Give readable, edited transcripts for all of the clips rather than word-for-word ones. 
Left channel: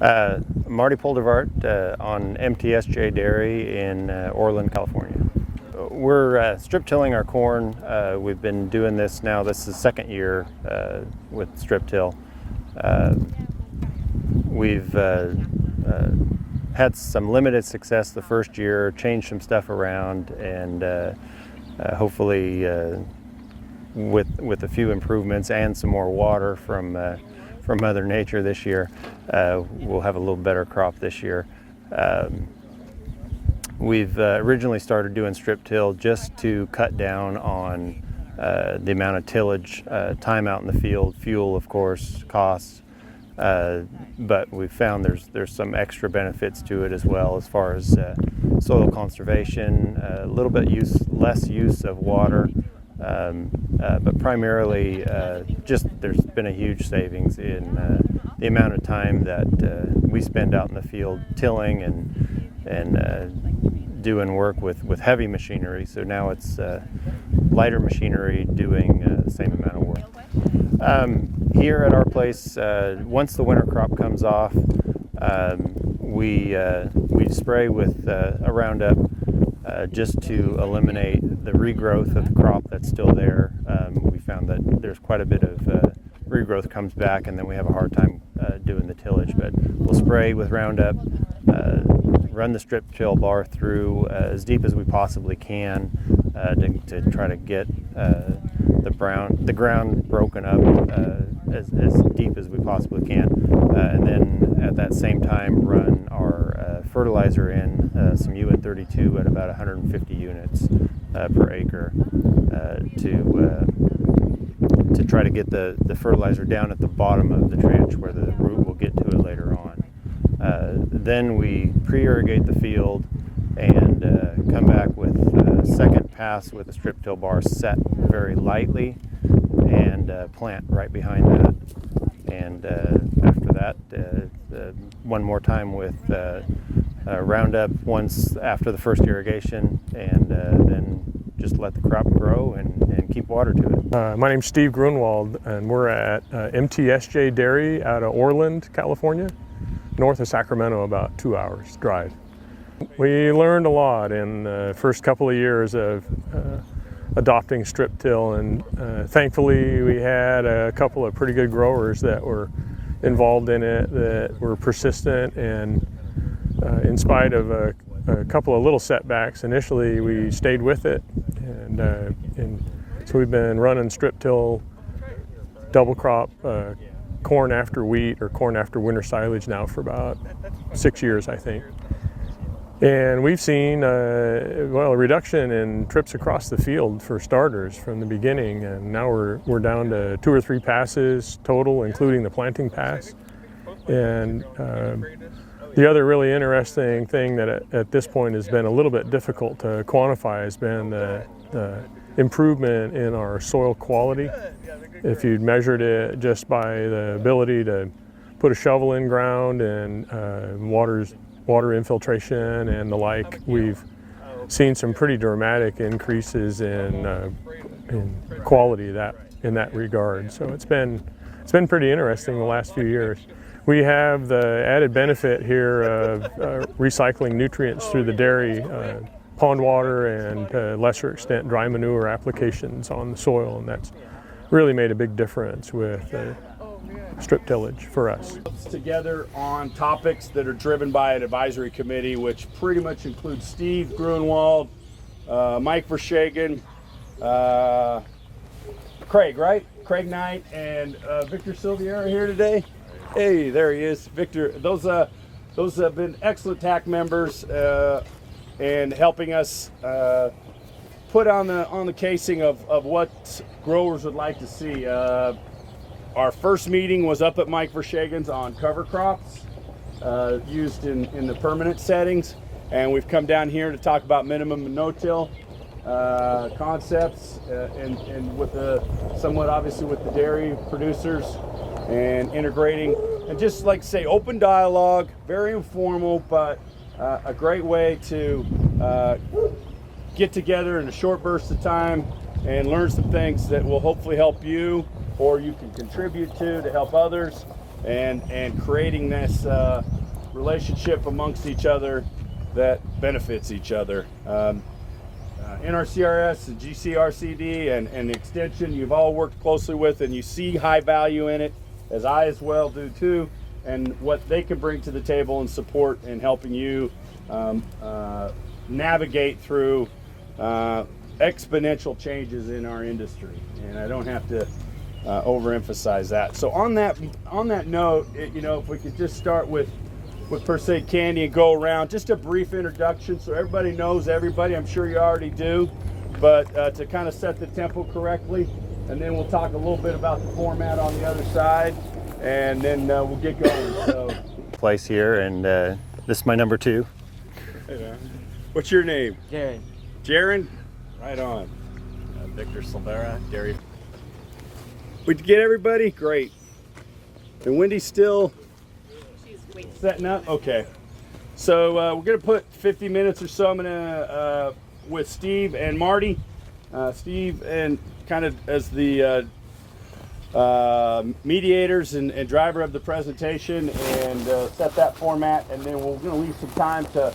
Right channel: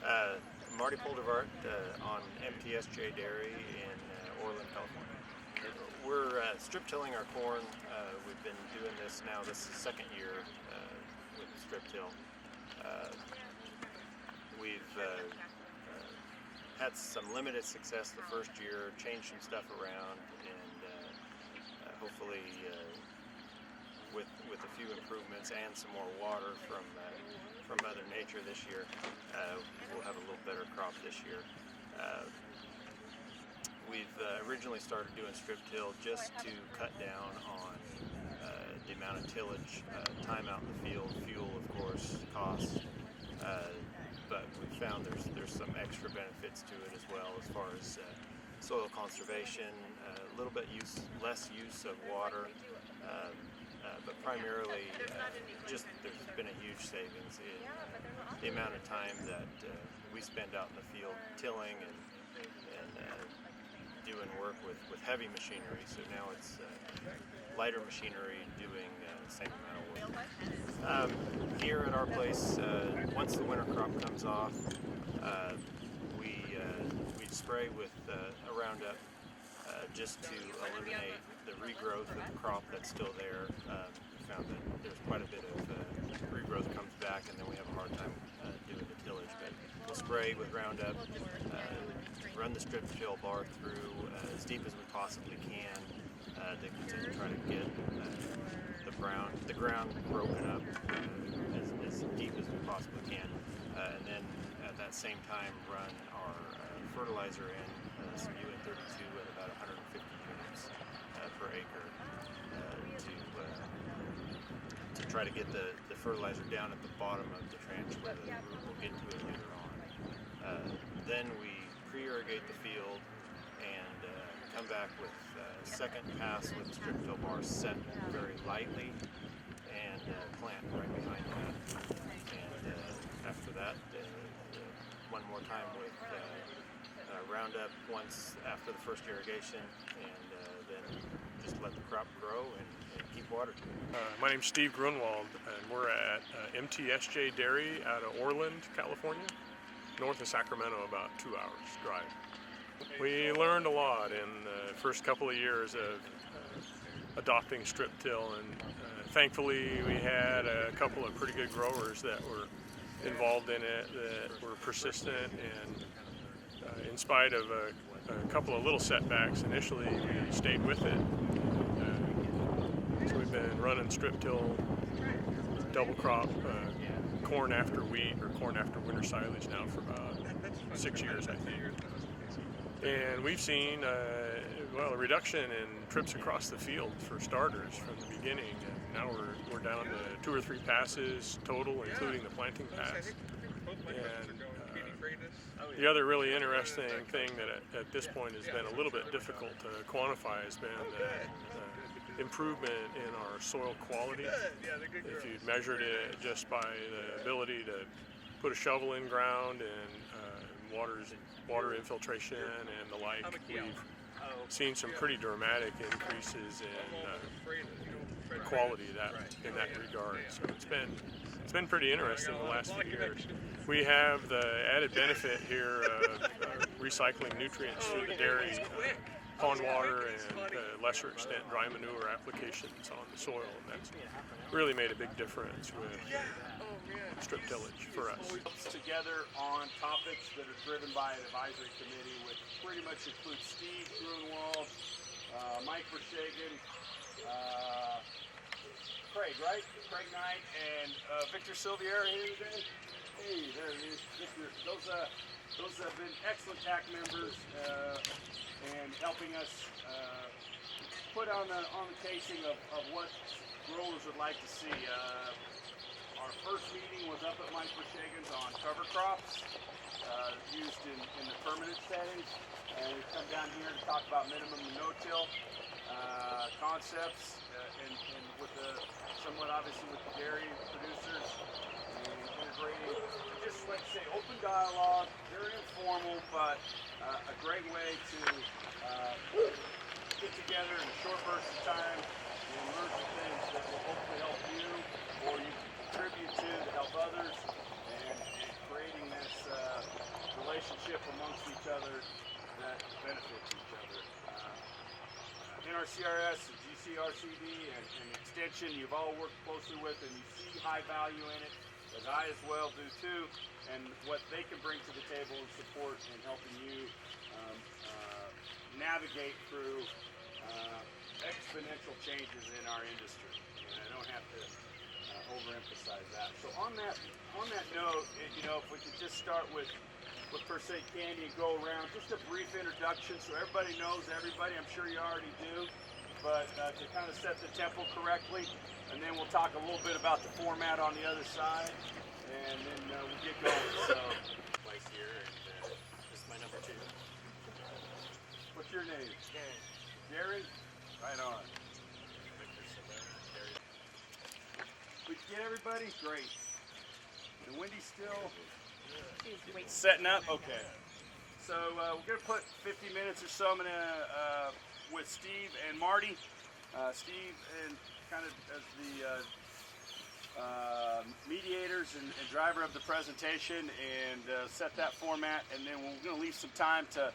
Marty Poldervarrt on MTSJ Dairy in Orland, California. We're strip tilling our corn. We've been doing this now. This is the second year with strip till. We've had some limited success the first year, changed some stuff around, and hopefully with a few improvements and some more water from Mother Nature this year, we'll have a little better crop this year. We've originally started doing strip till just to cut down on the amount of tillage, time out in the field, fuel, of course, costs. But we've found there's some extra benefits to it as well, as far as soil conservation, a little bit less use of water, but primarily just there's been a huge savings in the amount of time that we spend out in the field tilling and doing work with heavy machinery. So now it's lighter machinery doing the same amount of work. Here at our place, once the winter crop comes off, we spray with a Roundup just to eliminate the regrowth of the crop that's still there. We found that there's quite a bit of regrowth comes back, and then we have a hard time doing the tillage. But we'll spray with Roundup, run the strip till bar through as deep as we possibly can to try to get the ground broken up as deep as we possibly can, and then at that same time run our fertilizer in, some UN32 at about 150 units per acre to try to get the fertilizer down at the bottom of the trench where the root will get to it later on. Then we pre-irrigate the field and come back with a second pass with a strip till bar set very lightly, and plant right behind that. And after that, one more time with Roundup once after the first irrigation, and then just let the crop grow and keep water to it. My name's Steve Gruenwald, and we're at MTSJ Dairy out of Orland, California, north of Sacramento, about 2 hours drive. We learned a lot in the first couple of years of adopting strip till, and thankfully we had a couple of pretty good growers that were involved in it, that were persistent, and in spite of a couple of little setbacks initially, we stayed with it. And so we've been running strip till double crop corn after wheat or corn after winter silage now for about 6 years, I think. And we've seen a reduction in trips across the field for starters from the beginning, and now we're down to 2 or 3 passes total, including the planting pass. And the other really interesting thing that at this point has been a little bit difficult to quantify has been the improvement in our soil quality. If you'd measured it just by the ability to put a shovel in ground and water infiltration and the like, we've seen some pretty dramatic increases in quality in that regard. So it's been pretty interesting the last few years. We have the added benefit here of recycling nutrients through the dairy, pond water, and to a lesser extent dry manure applications on the soil, and that's really made a big difference with strip tillage for us. Together on topics that are driven by an advisory committee, which pretty much includes Steve Gruenwald, Mike Verschagen, Craig, right? Craig Knight and Victor Silvier are here today. Hey, there he is, Victor. Those have been excellent TAC members and helping us put on the casing of what growers would like to see. Our first meeting was up at Mike Verschagen's on cover crops used in the permanent settings, and we've come down here to talk about minimum and no-till concepts and with somewhat obviously with the dairy producers and integrating, and just like to say, open dialogue, very informal, but a great way to get together in a short burst of time and learn some things that will hopefully help you, or you can contribute to help others. and creating this relationship amongst each other that benefits each other. NRCRS, and GCRCD, and Extension, you've all worked closely with, and you see high value in it, as I as well do too, and what they can bring to the table and support in helping you navigate through exponential changes in our industry. And I don't have to overemphasize that. So on that note, you know, if we could just start with per se Candy and go around, just a brief introduction so everybody knows everybody. I'm sure you already do, but to kind of set the tempo correctly, and then we'll talk a little bit about the format on the other side, and then we'll get going. So, Place here, and this is my number 2. what's your name? Jared. Jaron? Right on. Victor Silvera, Gary. We get everybody? Great. And Wendy's still setting up? Okay. So we're going to put 50 minutes or so. I'm going to, with Steve and Marty. Steve and kind of as the mediators and driver of the presentation, and set that format. And then we're going to leave some time to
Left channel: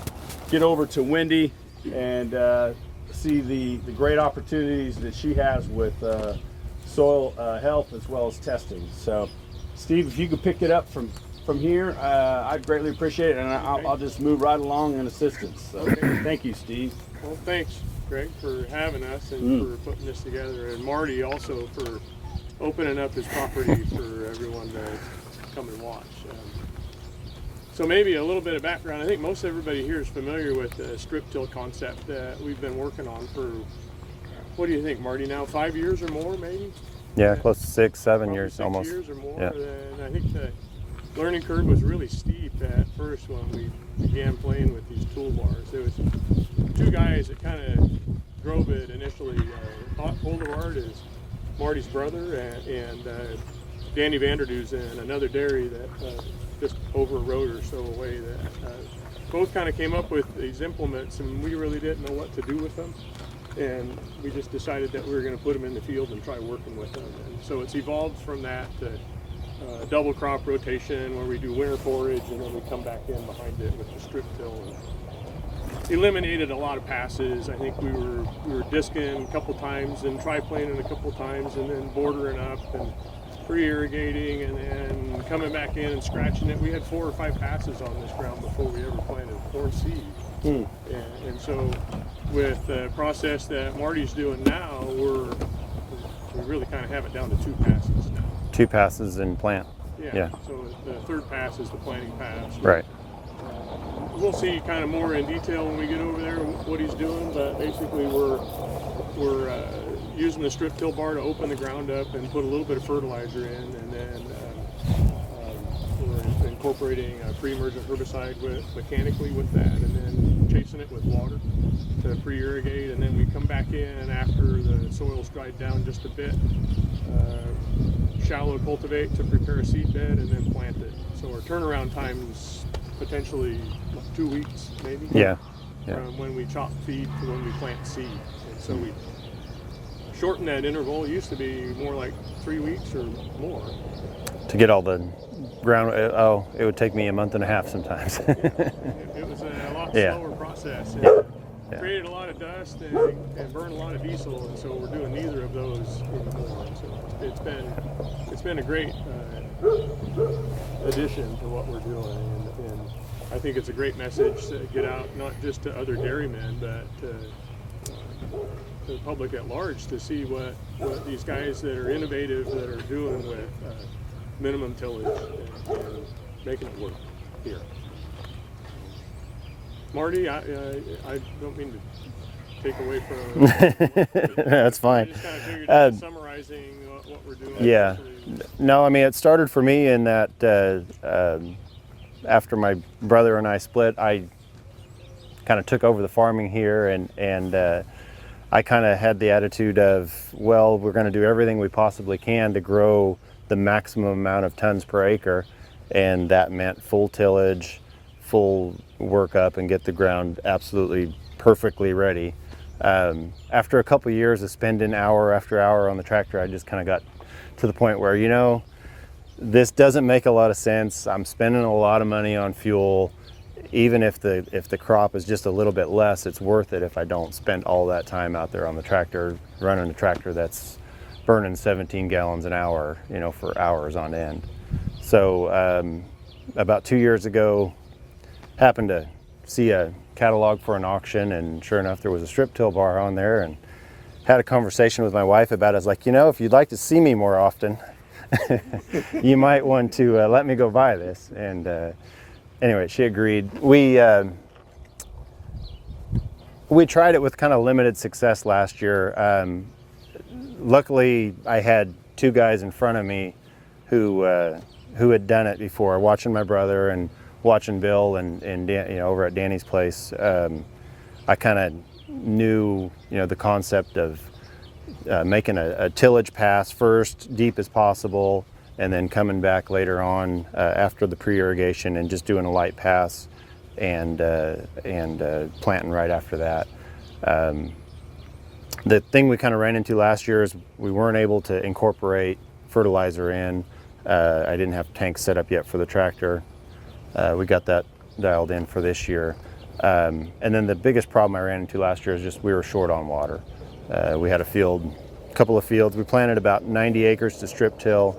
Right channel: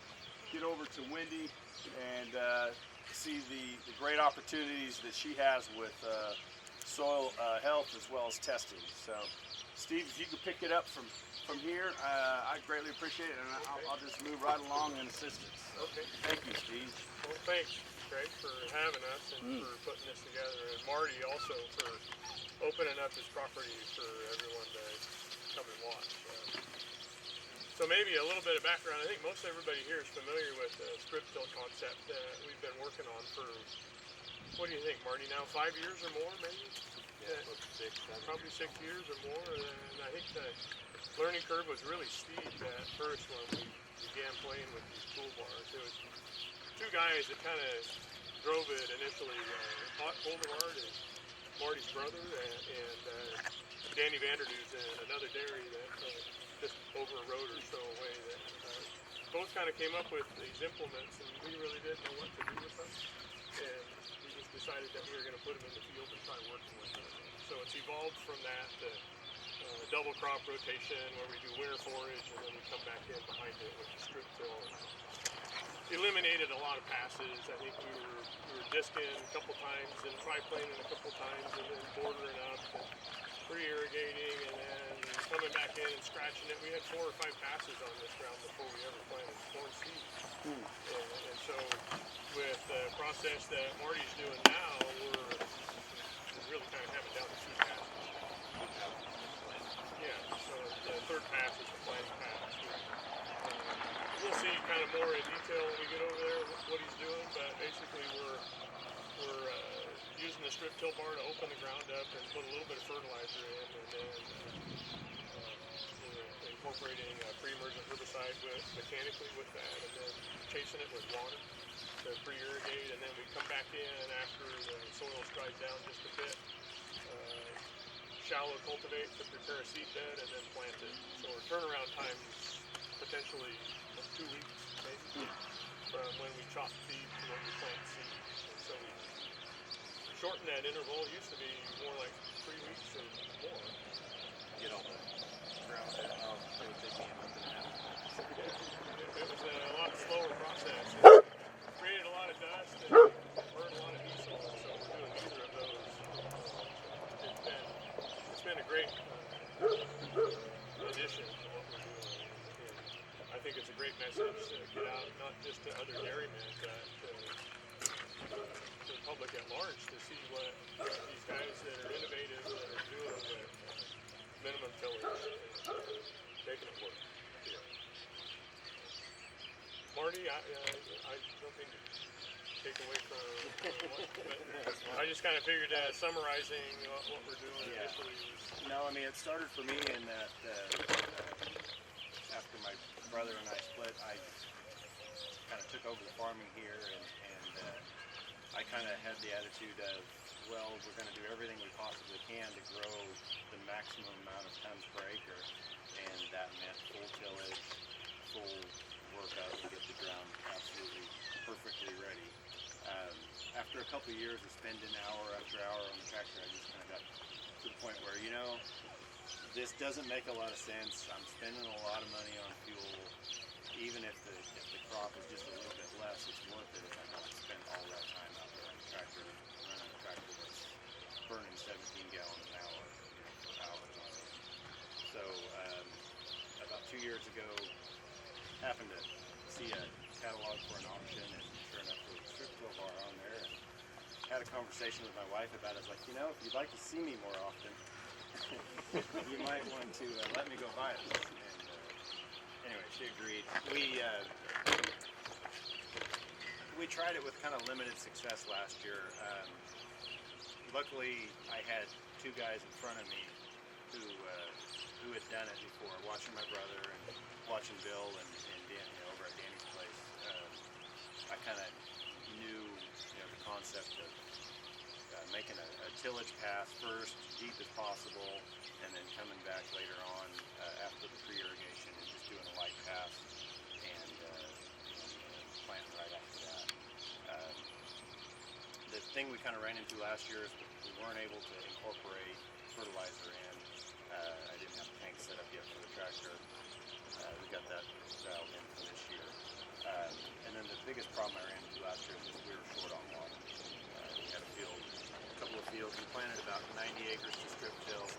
get over to Wendy and see the great opportunities that she has with soil health as well as testing. So Steve, if you could pick it up from here, I'd greatly appreciate it, and I'll just move right along in assistance. So, thank you, Steve. Well, thanks, Greg, for having us and for putting this together, and Marty also for opening up his property for everyone to come and watch. So maybe a little bit of background. I think most everybody here is familiar with the strip-till concept that we've been working on for, what do you think, Marty, now 5 years or more, maybe? Yeah, close to 6, 7 Probably years 6 almost. years or more. Yeah. And I think the learning curve was really steep at first when we began playing with these toolbars. There was 2 guys that kind of drove it initially. Poldervarrt is Marty's brother, and Danny Vanderduzen, another dairy that just over a road or so away, that both kind of came up with these implements, and we really didn't know what to do with them. And we just decided that we were going to put them in the field and try working with them. And so it's evolved from that to double crop rotation, where we do winter forage and then we come back in behind it with the strip till. Eliminated a lot of passes. I think we were disking a couple times and tri-planing a couple times, and then bordering up and pre-irrigating, and then coming back in and scratching it. We had 4 or 5 passes on this ground before we ever planted corn seed. And so with the process that Marty's doing now, we really kind of have it down to 2 passes now. 2 passes in plant. Yeah. So the 3rd pass is the planting pass. Right. We'll see kind of more in detail when we get over there what he's doing, but basically we're using the strip till bar to open the ground up and put a little bit of fertilizer in, and then we're incorporating a pre-emergent herbicide mechanically with that, and then chasing it with water to pre-irrigate, and then we come back in after the soil's dried down just a bit, shallow cultivate to prepare a seed bed, and then plant it. So our turnaround time's potentially 2 weeks, maybe. Yeah. From when we chop feed to when we plant seed. And so we shorten that interval. It used to be more like 3 weeks or more. To get all the ground, it would take me a month and a half sometimes. It was a lot slower process. It created a lot of dust and burned a lot of diesel, and so we're doing neither of those anymore. So it's been a great addition to what we're doing, and I think it's a great message to get out, not just to other dairymen, but to the public at large, to see what these guys that are innovative, that are doing with minimum tillage and making it work here. Marty, I don't mean to take away from That's fine. I just kind of figured summarizing what we're doing. Yeah. No, I mean, it started for me in that after my brother and I split, I kind of took over the farming here, and I kind of had the attitude of, well, we're going to do everything we possibly can to grow the maximum amount of tons per acre, and that meant full tillage, full workup, and get the ground absolutely perfectly ready. After a couple years of spending hour after hour on the tractor, I just kind of got to the point where, you know, this doesn't make a lot of sense. I'm spending a lot of money on fuel. Even if the crop is just a little bit less, it's worth it if I don't spend all that time out there on the tractor, running a tractor that's burning 17 gallons an hour, you know, for hours on end. So about 2 years ago, happened to see a catalog for an auction, and sure enough, there was a strip till bar on there, and had a conversation with my wife about it. I was like, you know, if you'd like to see me more often, you might want to let me go buy this. And anyway, she agreed. We tried it with kind of limited success last year. Luckily, I had two guys in front of me who had done it before, watching my brother and watching Bill and Dan, you know, over at Danny's place. I kind of knew, you know, the concept of making a tillage pass first, deep as possible, and then coming back later on after the pre-irrigation and just doing a light pass and planting right after that. The thing we kind of ran into last year is we weren't able to incorporate fertilizer in. I didn't have tanks set up yet for the tractor. We got that dialed in for this year. And then the biggest problem I ran into last year is just we were short on water. We had a couple of fields. We planted about 90 acres to strip till.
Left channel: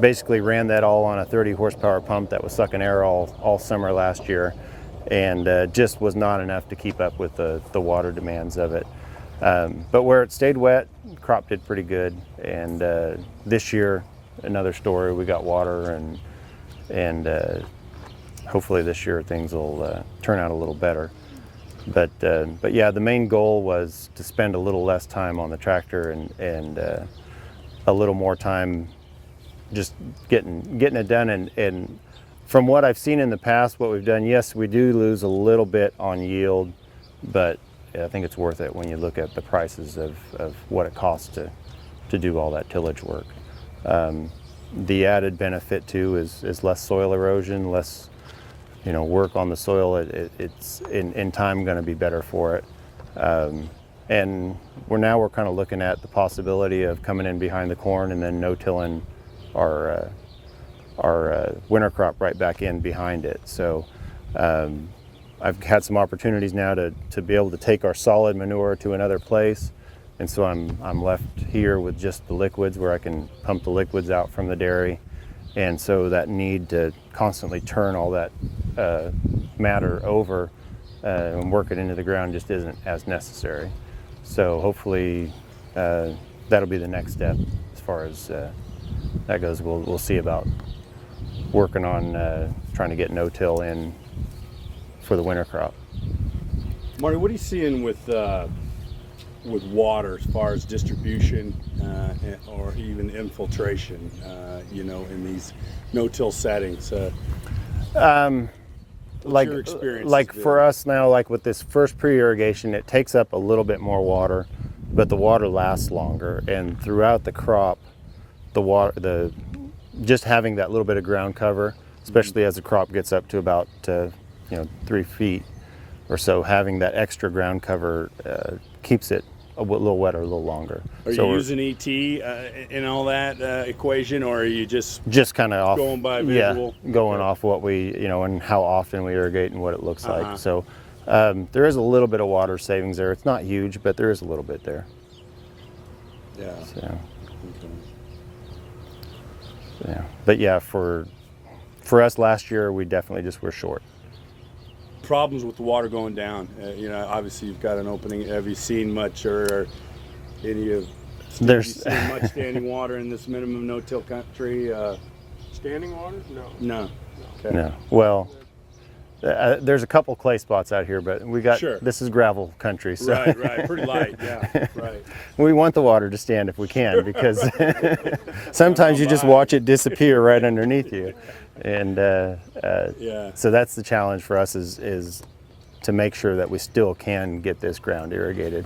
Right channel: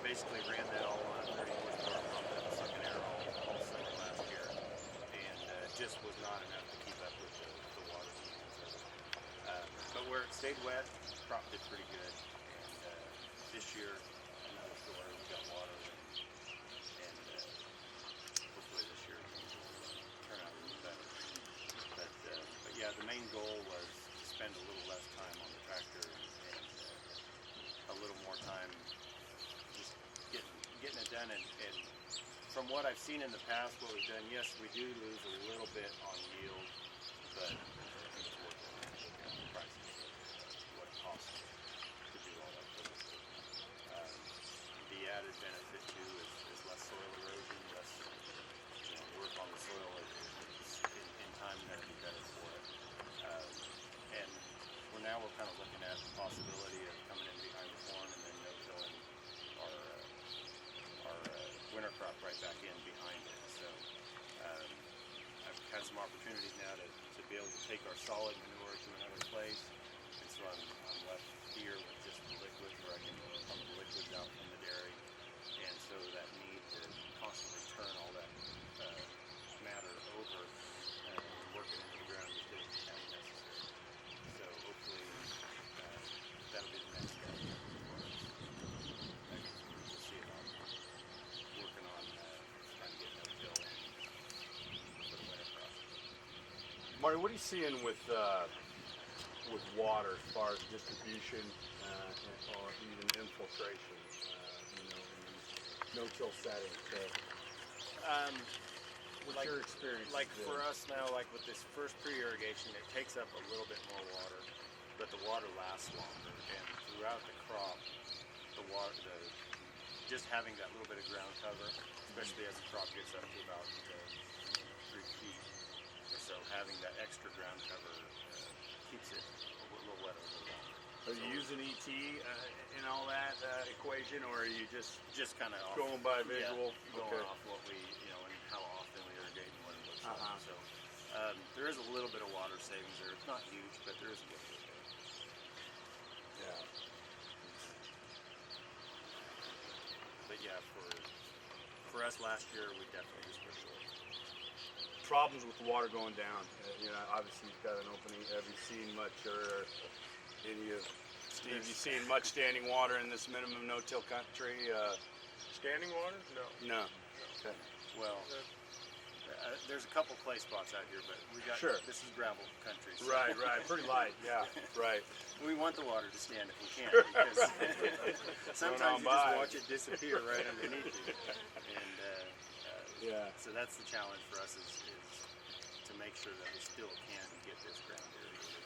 Basically ran that all on a 30 horsepower pump that was sucking air all summer last year, and just was not enough to keep up with the water demands of it. But where it stayed wet, the crop did pretty good. And this year, another story, we got water, and hopefully this year things will turn out a little better. But yeah, the main goal was to spend a little less time on the tractor and a little more time just getting it done. And from what I've seen in the past, what we've done, yes, we do lose a little bit on yield, but I think it's worth it when you look at the prices of what it costs to do all that tillage work. The added benefit too is less soil erosion, less, you know, work on the soil. It's in time going to be better for it. And we're kind of looking at the possibility of coming in behind the corn and then no-tilling our winter crop right back in behind it. So I've had some opportunities now to be able to take our solid manure to another place. And so I'm left here with just the liquids, where I can pump the liquids out from the dairy. And so that need to constantly turn all that matter over and work it into the ground just isn't as necessary. So hopefully that'll be the next step as far as that goes. We'll see about working on trying to get no-till in for the winter crop. Marty, what are you seeing with water as far as distribution or even infiltration, you know, in these no-till settings? What's your experience like there? for us now, like with this first pre-irrigation, it takes up a little bit more water, but the water lasts longer. And throughout the crop, just having that little bit of ground cover, especially as the crop gets up to about 3 feet or so, having that extra ground cover keeps it a little wetter, a little longer. Are you using ET in all that equation, or are you just kind of going by visual? Yeah, going off what we, and how often we irrigate and what it looks like. So there is a little bit of water savings there. It's not huge, but there is a little bit there. Yeah. So, Okay. yeah. But yeah, for us last year, we definitely just were short. Problems with the water going down. Obviously you've got an opening. Have you seen much or any of? Have you seen much standing water in this minimum no-till country? Standing water? No. No. Okay. No. Well, there's a couple clay spots out here, but Sure. This is gravel country. So Right. Pretty light. Yeah. Right. we want the water to stand if we can, because sometimes you just watch it disappear right underneath you. And so that's the challenge for us is to make sure that we still can get this ground irrigated.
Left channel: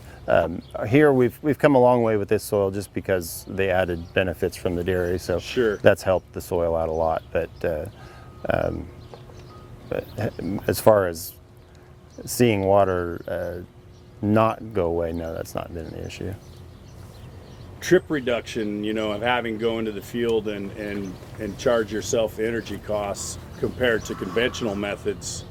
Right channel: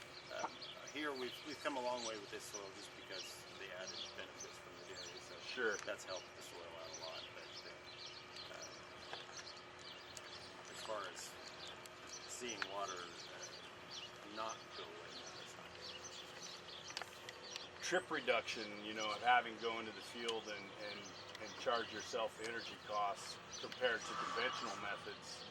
Here we've come a long way with this soil just because the added benefits from the dairy. So Sure. that's helped the soil out a lot. But as far as seeing water not go away, no, that's not been an issue. trip reduction, you know, of having go into the field and charge yourself energy costs compared to conventional methods?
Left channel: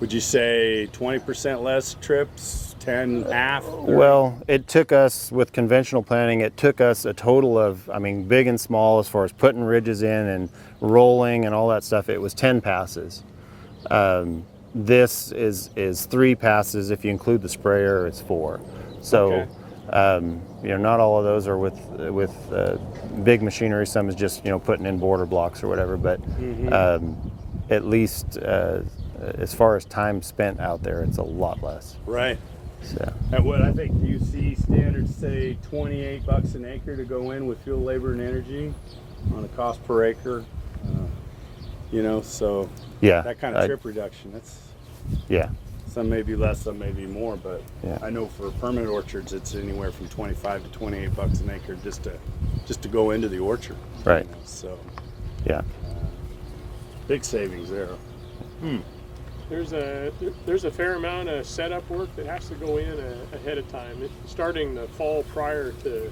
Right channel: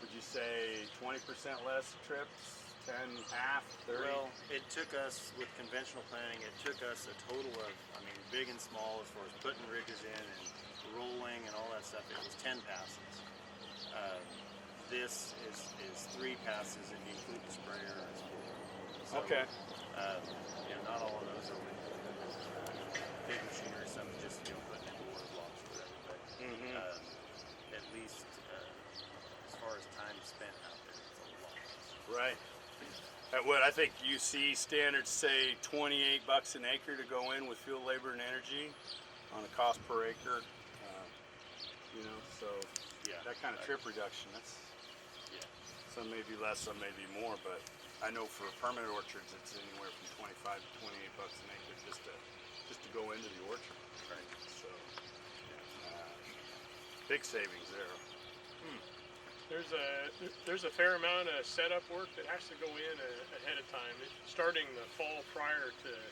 Would you say 20% less trips, 10, half? 30? Well, it took us, with conventional planting, it took us a total of, I mean, big and small, as far as putting ridges in and rolling and all that stuff, it was 10 passes. This is 3 passes. If you include the sprayer, it's 4. So, Okay. you know, not all of those are with big machinery. Some is just, you know, putting in border blocks or whatever. But at least as far as time spent out there, it's a lot less. Right. So. And what I think UC standards say $28 an acre to go in with fuel, labor, and energy on a cost per acre. You know, so Yeah. that kind of trip reduction. That's Yeah. some may be less, some may be more, but Yeah. I know for permanent orchards, it's anywhere from 25 to $28 an acre just to go into the orchard. Right. You know, so Yeah. big savings there. There's a fair amount of setup work that has to go in ahead of time. Starting the fall prior to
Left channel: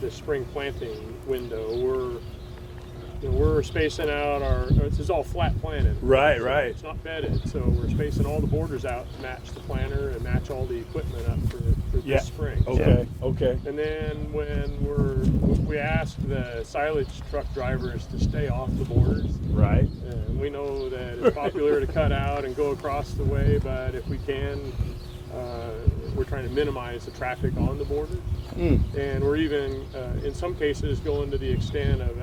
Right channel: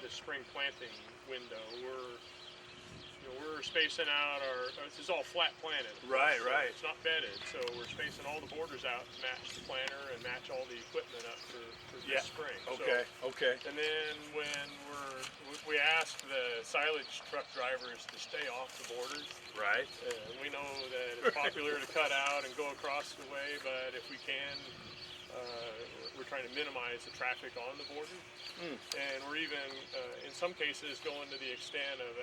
the spring planting window, we're spacing out this is all flat planted. Right, right. It's not bedded, so we're spacing all the borders out to match the planter and match all the equipment up for this spring. Okay. Okay. And then when we ask the silage truck drivers to stay off the borders. Right. And we know that it's popular to cut out and go across the way, but if we can, we're trying to minimize the traffic on the border. And we're even, in some cases, going to the extent of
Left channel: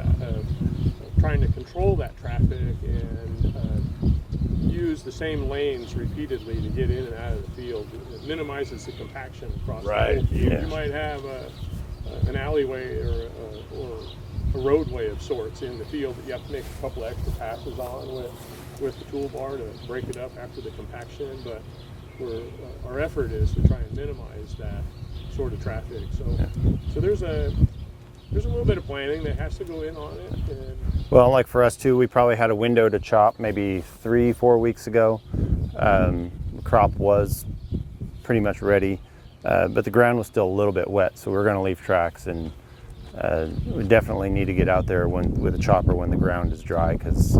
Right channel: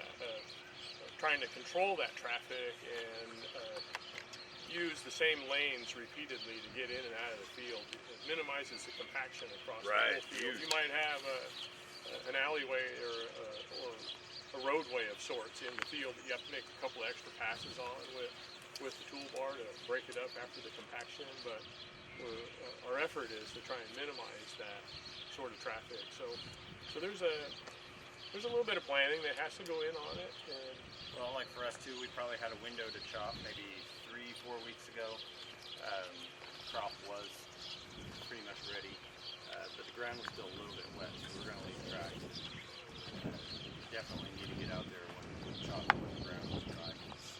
trying to control that traffic and use the same lanes repeatedly to get in and out of the field. It minimizes the compaction across the whole field. Yeah. You might have an alleyway or a roadway of sorts in the field that you have to make a couple extra passes on with the toolbar to break it up after the compaction, but our effort is to try and minimize that sort of traffic. So there's a little bit of planning that has to go in on it. And Well, like for us too, we probably had a window to chop maybe 3-4 weeks ago. The crop was pretty much ready, but the ground was still a little bit wet, so we're going to leave tracks, and we definitely need to get out there with a chopper when the ground is dry, because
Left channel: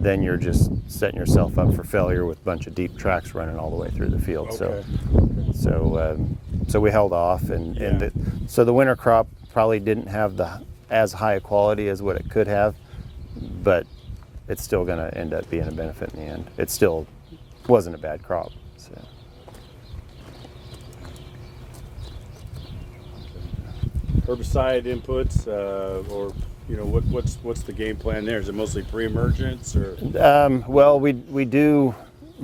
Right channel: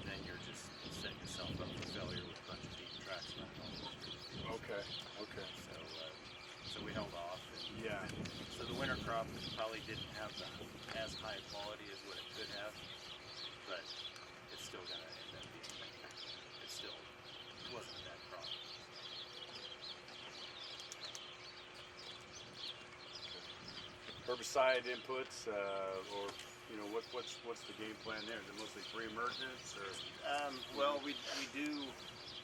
then you're just setting yourself up for failure with a bunch of deep tracks running all the way through the field. So we held off, so the winter crop probably didn't have as high a quality as what it could have, but it's still going to end up being a benefit in the end. It still wasn't a bad crop. So. Herbicide inputs, or you know, what's the game plan there? Is it mostly pre-emergence or? Well, we do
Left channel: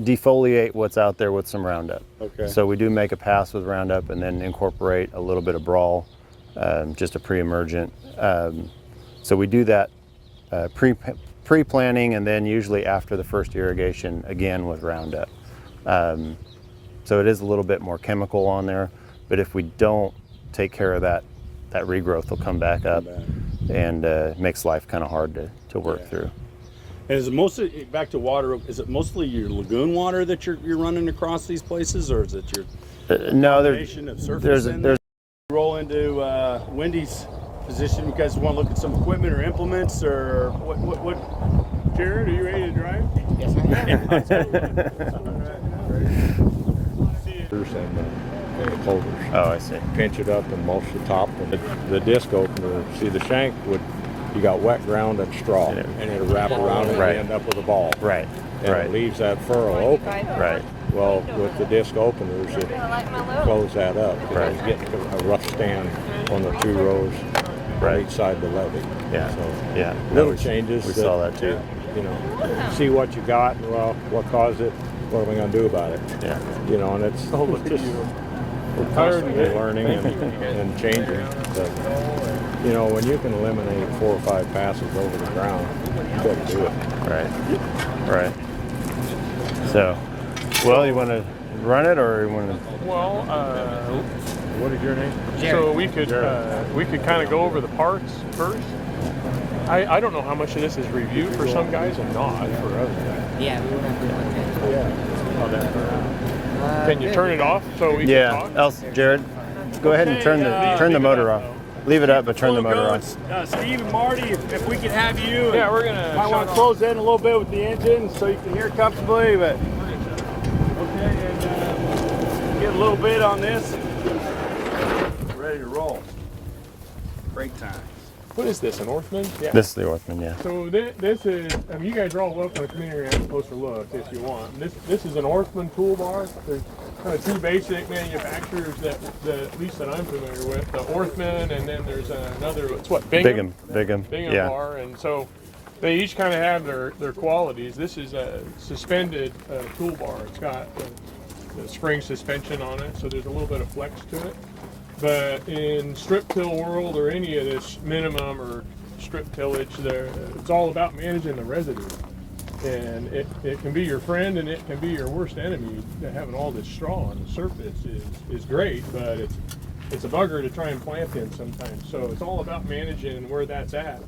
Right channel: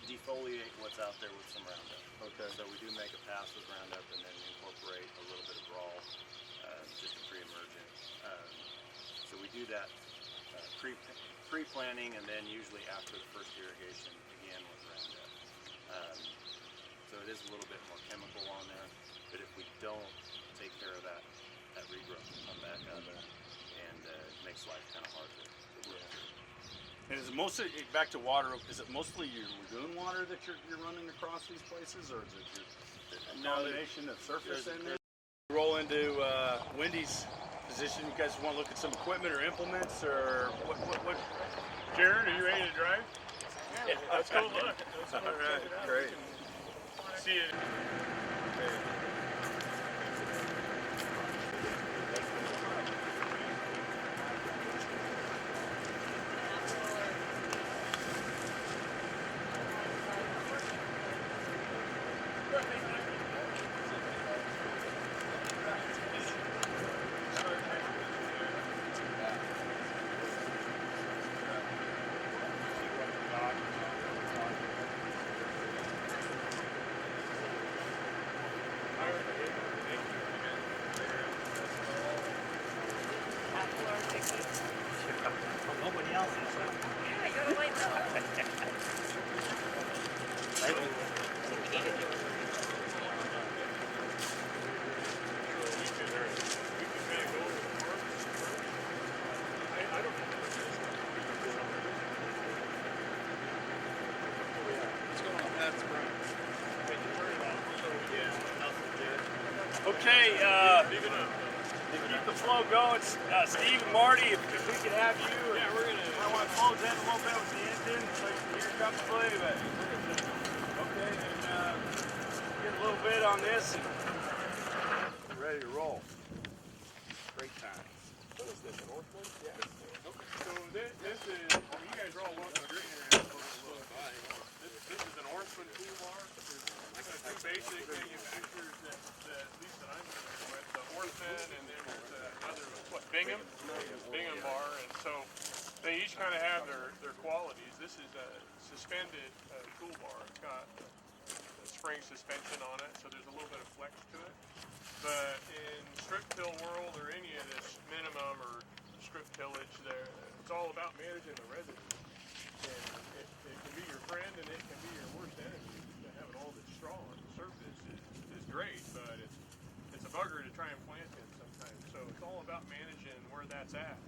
defoliate what's out there with some Roundup. Okay. So we do make a pass with Roundup and then incorporate a little bit of Brawl, just a pre-emergent. So we do that pre-planting, and then usually after the first irrigation again with Roundup. So it is a little bit more chemical on there, but if we don't take care of that regrowth will come back up and makes life kind of hard to work through. And is it mostly, back to water, is it mostly your lagoon water that you're running across these places, or is it your No, combination of surface in there? Roll into Wendy's position. You guys want to look at some equipment or implements, or what? Jared, are you ready to drive? Yes, I am. Let's go look. See you. Holders. Oh, I see. Pinch it up and mulch the top. And the disc opener, see the shank you got wet ground and straw, Yeah. and it'll wrap around and Right. you end up with a ball. Right. And Right. it leaves that furrow open. Right. Well, with the disc openers, you close that up. Right. You get a rough stand on the 2 rows on each side of the levee. Yeah. So Yeah. little changes. We saw that too. You know, see what you got, and well, what caused it, what are we going to do about it? Yeah. You know, and it's just, we're constantly learning and changing. But, you know, when you can eliminate 4 or 5 passes over the ground, you couldn't do it. Right. Right. So, well, you want to run it, or you want to? Well, What is your name? so we could kind of go over the parts first. I don't know how much of this is review for some guys and not for others. Yeah, we went through it. Can you turn it off so we can Yeah. talk? Else, Jared. Go ahead and turn the motor off. Leave it up, but turn the motor off. Steve and Marty, if we can have you. Yeah, we're gonna. I want to close in a little bit with the engine so you can hear comfortably, but okay, and get a little bit on this. Ready to roll. Great time. What is this, an Orthman? Yeah. This is the Orthman, yeah. So this is, I mean, you guys are all welcome to come in here and have a closer look if you want. This is an Orthman toolbar. There's kind of two basic manufacturers that at least that I'm familiar with. The Orthman, and then there's another, it's what, Bingham? Bingham, yeah. bar, and so they each kind of have their qualities. This is a suspended toolbar. It's got the spring suspension on it, so there's a little bit of flex to it. But in strip till world or any of this minimum or strip tillage, it's all about managing the residue. And it can be your friend and it can be your worst enemy. Having all this straw on the surface is great, but it's a bugger to try and plant in sometimes. So it's all about managing where that's at.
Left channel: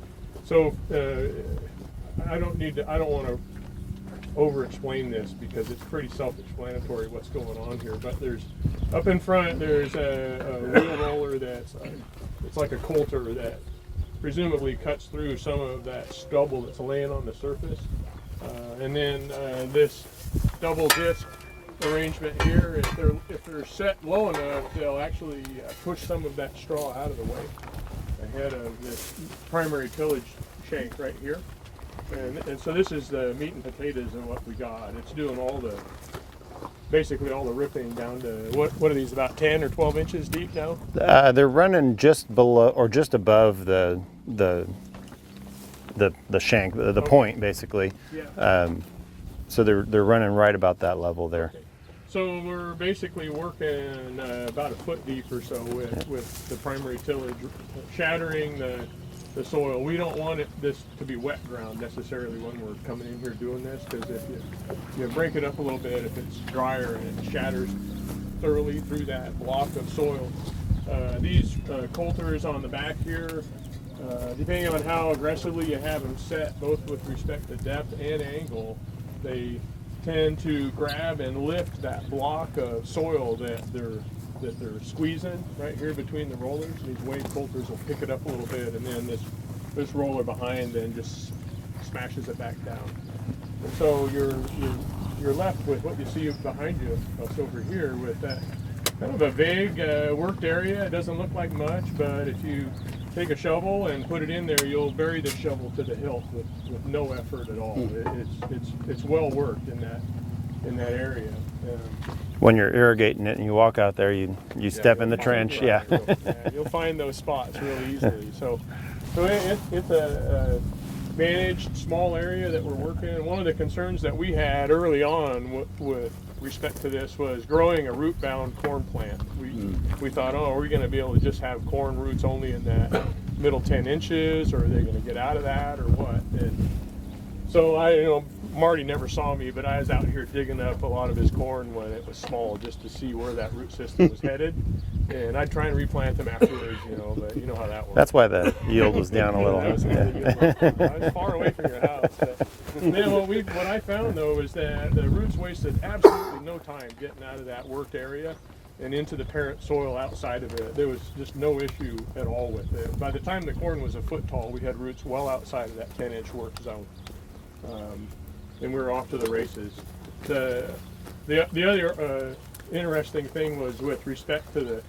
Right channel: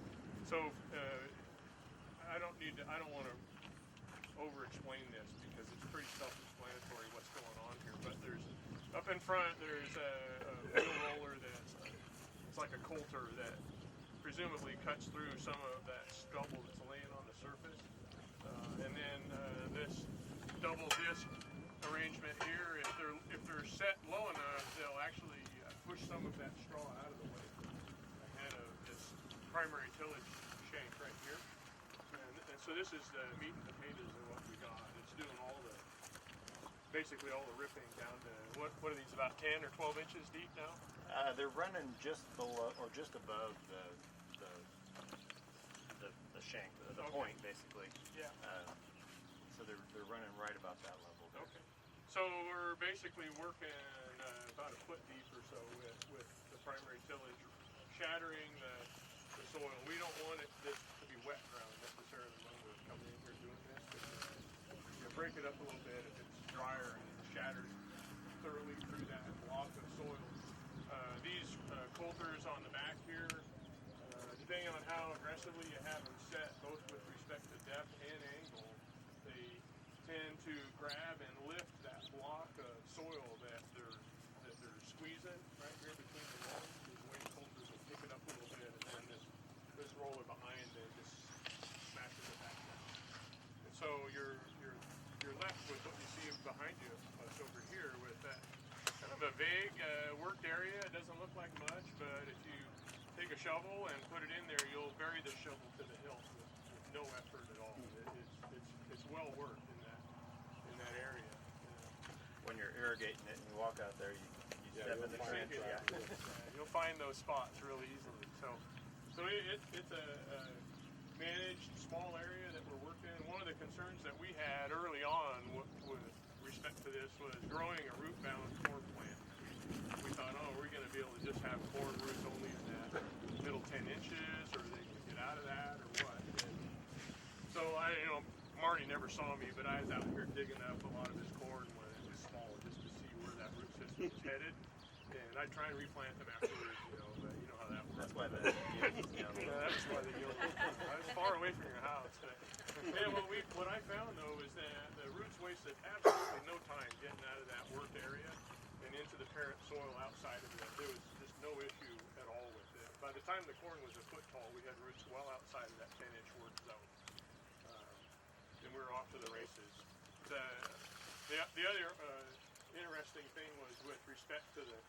So I don't want to over-explain this because it's pretty self-explanatory what's going on here. But up in front there's a wheel roller that's it's like a coulter that presumably cuts through some of that stubble that's laying on the surface. And then this double disc arrangement here, if they're set low enough, they'll actually push some of that straw out of the way ahead of this primary tillage shank right here. And so this is the meat and potatoes of what we got. It's doing basically all the ripping down to, what are these, about 10 or 12 inches deep now? They're running just below or just above the shank, the point basically. Yeah. So they're running right about that level there. Okay. So we're basically working about a foot deep or so with the primary tillage, shattering the soil. We don't want this to be wet ground necessarily when we're coming in here doing this, because if you break it up a little bit, if it's drier and it shatters thoroughly through that block of soil. These coulters on the back here, depending on how aggressively you have them set, both with respect to depth and angle, they tend to grab and lift that block of soil that they're squeezing right here between the rollers. These wave coulters will pick it up a little bit, and then this roller behind then just smashes it back down. And so you're left with what you see behind you, us over here, with that kind of a vague worked area. It doesn't look like much, but if you take a shovel and put it in there, you'll bury the shovel to the hilt with no effort at all. It's well worked in that area. When you're irrigating it and you walk out there, you step in the trench. Yeah. You'll find those spots really easily. So it's a managed small area that we're working in. One of the concerns that we had early on with respect to this was growing a root-bound corn plant. We thought, are we going to be able to just have corn roots only in that middle 10 inches, or are they going to get out of that, or what? And so Marty never saw me, but I was out here digging up a lot of his corn when it was small, just to see where that root system was headed. And I'd try and replant them afterwards, but you know how that works. That's why the yield was down a little. I was far away from your house. Then what I found though is that the roots wasted absolutely no time getting out of that worked area and into the parent soil outside of it. There was just no issue at all with it. By the time the corn was a foot tall, we had roots well outside of that 10-inch work zone. And we were off to the races. The other interesting thing was with respect to the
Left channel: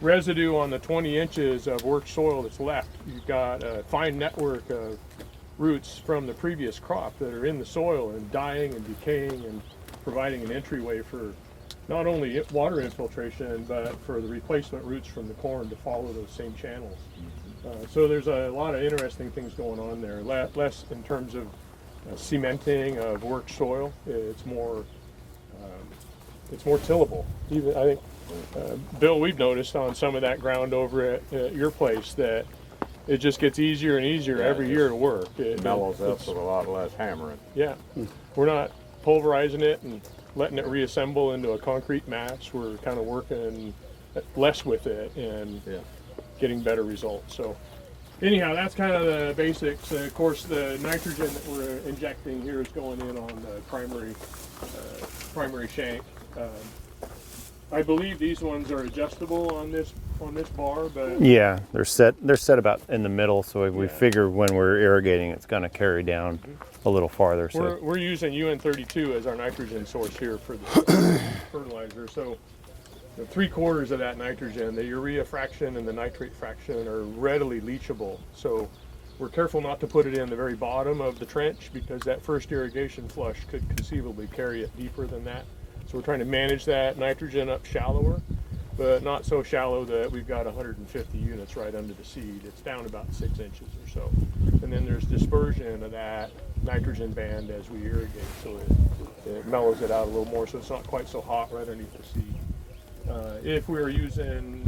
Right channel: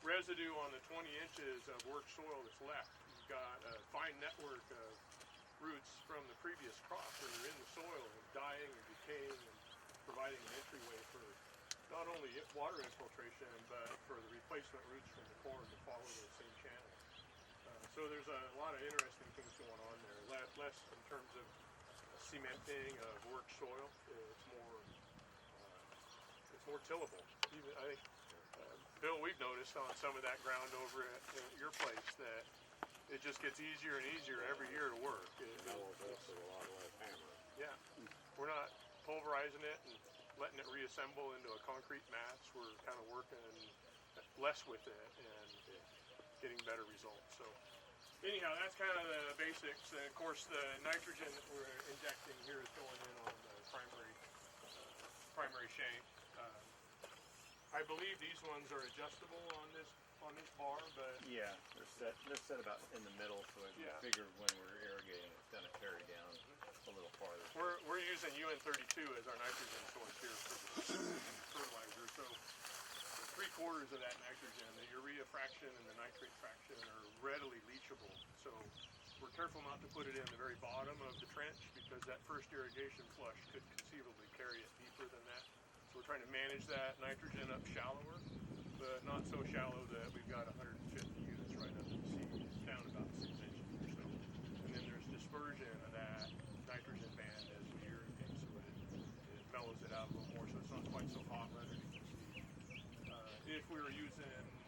residue on the 20 inches of worked soil that's left. You've got a fine network of roots from the previous crop that are in the soil and dying and decaying and providing an entryway for not only water infiltration, but for the replacement roots from the corn to follow those same channels. So there's a lot of interesting things going on there. Less in terms of cementing of worked soil. It's more tillable. Even I think, Bill, we've noticed on some of that ground over at your place that it just gets easier and easier every year to work. It mellows up with a lot less hammering. Yeah, we're not pulverizing it and letting it reassemble into a concrete mass. We're kind of working less with it and getting better results. So anyhow, that's kind of the basics. Of course, the nitrogen that we're injecting here is going in on the primary shank. I believe these ones are adjustable on this bar, but Yeah, they're set about in the middle, so we Yeah. figure when we're irrigating, it's going to carry down a little farther. So we're using UN32 as our nitrogen source here for the fertilizer. So the 3/4 of that nitrogen, the urea fraction and the nitrate fraction, are readily leachable. So we're careful not to put it in the very bottom of the trench, because that first irrigation flush could conceivably carry it deeper than that. So we're trying to manage that nitrogen up shallower, but not so shallow that we've got 150 units right under the seed. It's down about 6 inches or so. And then there's dispersion of that nitrogen band as we irrigate, so it mellows it out a little more, so it's not quite so hot right underneath the seed. If we were using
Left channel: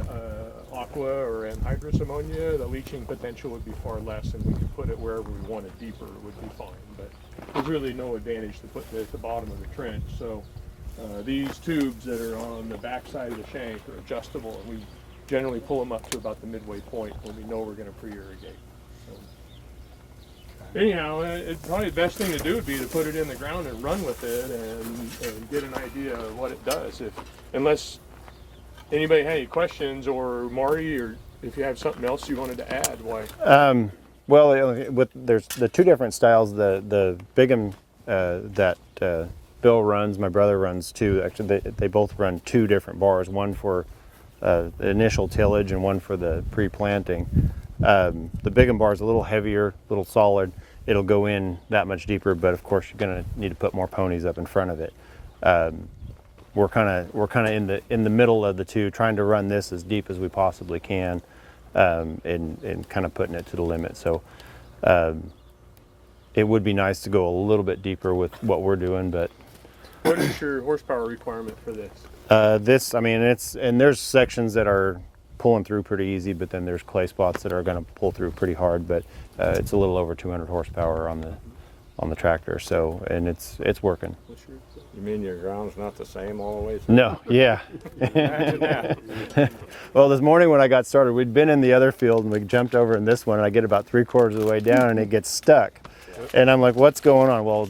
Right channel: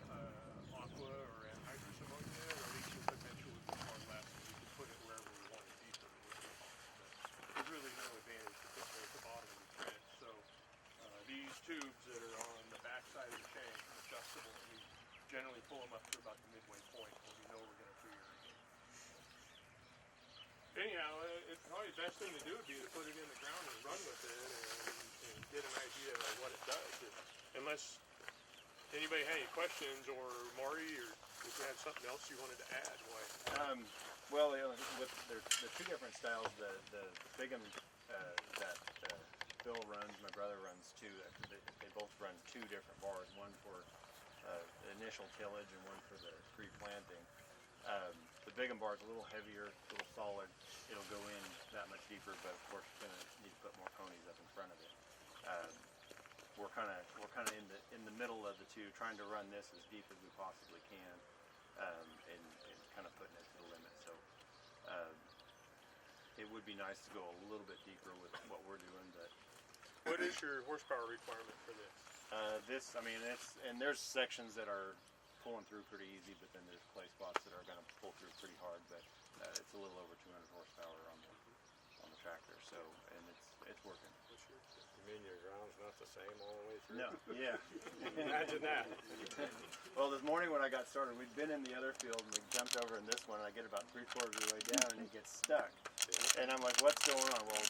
aqua or anhydrous ammonia, the leaching potential would be far less, and we could put it wherever we wanted deeper would be fine. But there's really no advantage to putting it at the bottom of the trench. So these tubes that are on the back side of the shank are adjustable, and we generally pull them up to about the midway point when we know we're going to pre-irrigate. So, anyhow, probably the best thing to do would be to put it in the ground and run with it and get an idea of what it does. Unless anybody had any questions, or Marty, or if you have something else you wanted to add, why? well, there's the two different styles. The Bigham that Bill runs, my brother runs too. Actually, they both run two different bars, one for the initial tillage and one for the pre-planting. The Bigham bar is a little heavier, a little solid. It'll go in that much deeper, but of course you're going to need to put more ponies up in front of it. We're kind of in the middle of the two, trying to run this as deep as we possibly can, and kind of putting it to the limit. So it would be nice to go a little bit deeper with what we're doing, but What is your horsepower requirement for this? there's sections that are pulling through pretty easy, but then there's clay spots that are going to pull through pretty hard. But it's a little over 200 horsepower on the tractor, so, and it's working. You mean your ground's not the same all the way through? No, yeah. Imagine that. Well, this morning when I got started, we'd been in the other field and we jumped over in this one, and I get about 3/4 of the way down and it gets stuck. And I'm like, what's going on? Well,